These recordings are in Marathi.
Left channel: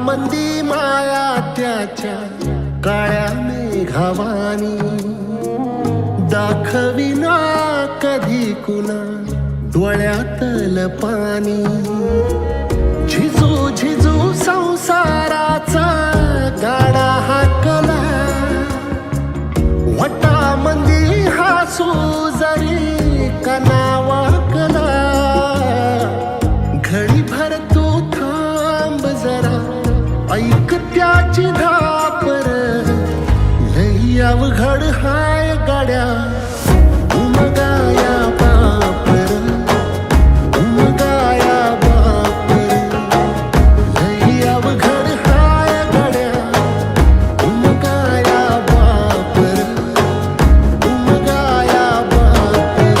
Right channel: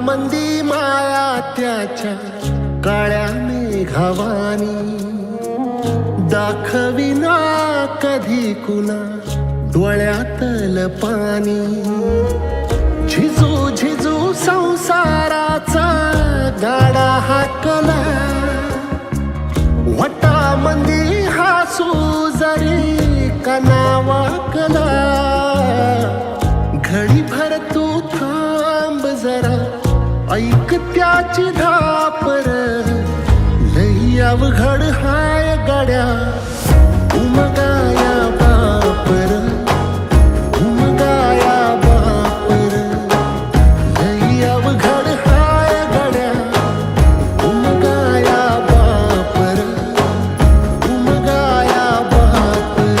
मंदी माया त्याच्या काळ्या मेघावानी, दाखविना कधी कुणा डोळ्यातल पाणी. झिजू झिजू संसाराचा गाडा हाकला, वटा मंदी हासू जरी कनावाकला. घडी भर तू थांब जरा, ऐक त्याची धापर. लई अवघड हाय गाड्या, उमगाया बापर, उमगाया बापर. लई अवघड हाय गाड्या, उमगाया बापर, उमगाया बापर.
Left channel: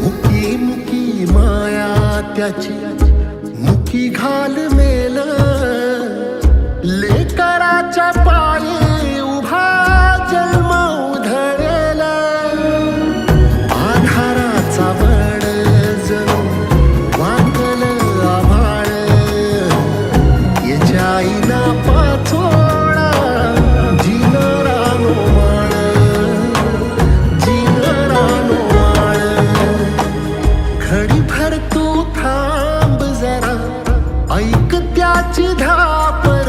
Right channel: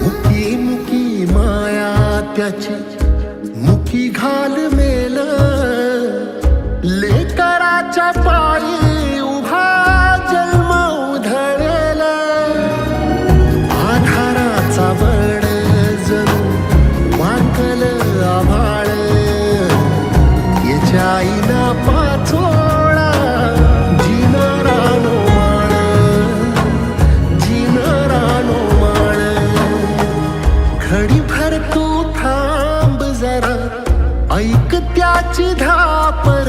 मुकी मुकी माया त्याची, मुकी घाल मेल. लेकराच्या पायी उभा जन्म उधळेल. आधाराचा वड जणू वाकल आभाळ. याच्या आईना पाचोळा जिनारानो माळ, जिनारानो माळ. घडी भर तू थांब जरा, ऐक त्याची धापर.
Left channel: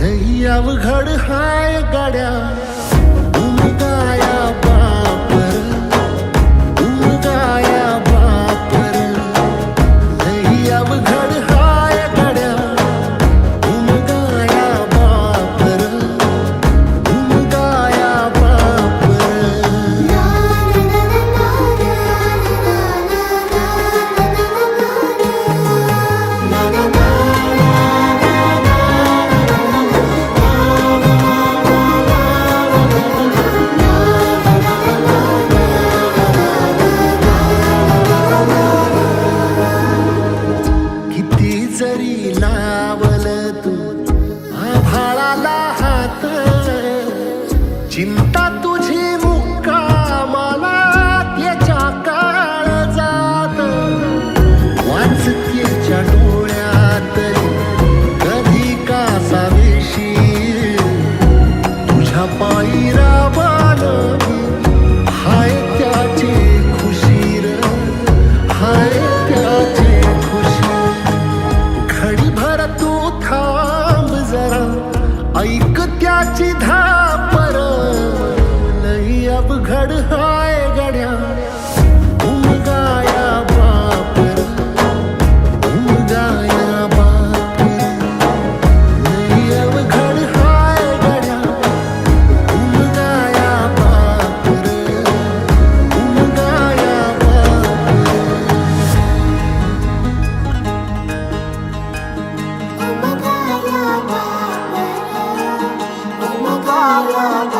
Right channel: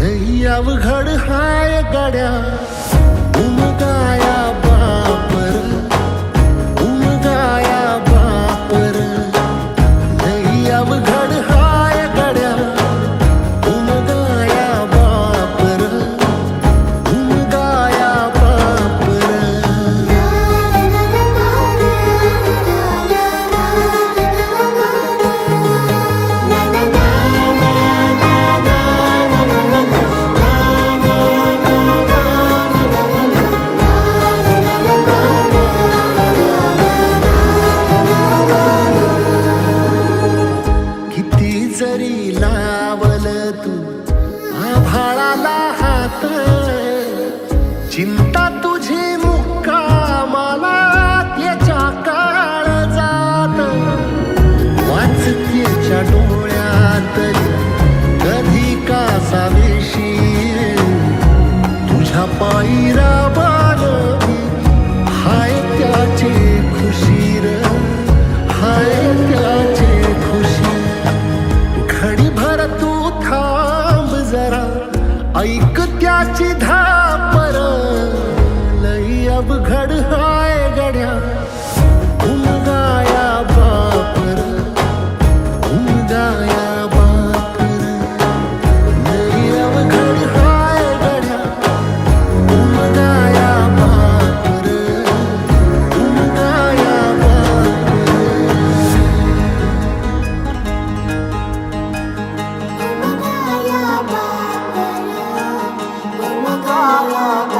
लई अवघड हाय गाड्या, उमगाया बापर, उमगाया बापर. लई अवघड हाय गाड्या, उमगाया बापर, उमगाया बापर. किती जरी लावल तू आभाळाला हात, चिंता तुझी मुक्कामाला त्याच्या काळजात. वाचतेच्या डोळ्यातली कधी कासावेशी, तुझ्या पायी राबानवी हाय त्याचे खुशीर, हाय त्याचे खुशी. घडी भर तू थांब जरा, ऐक त्याची धापर. लई अवघड हाय गड्या, उमगाया बापर, उमगाया बापर. लई अवघड हाय गड्या, उमगाया बापर, उमगाया बापर. उमगाया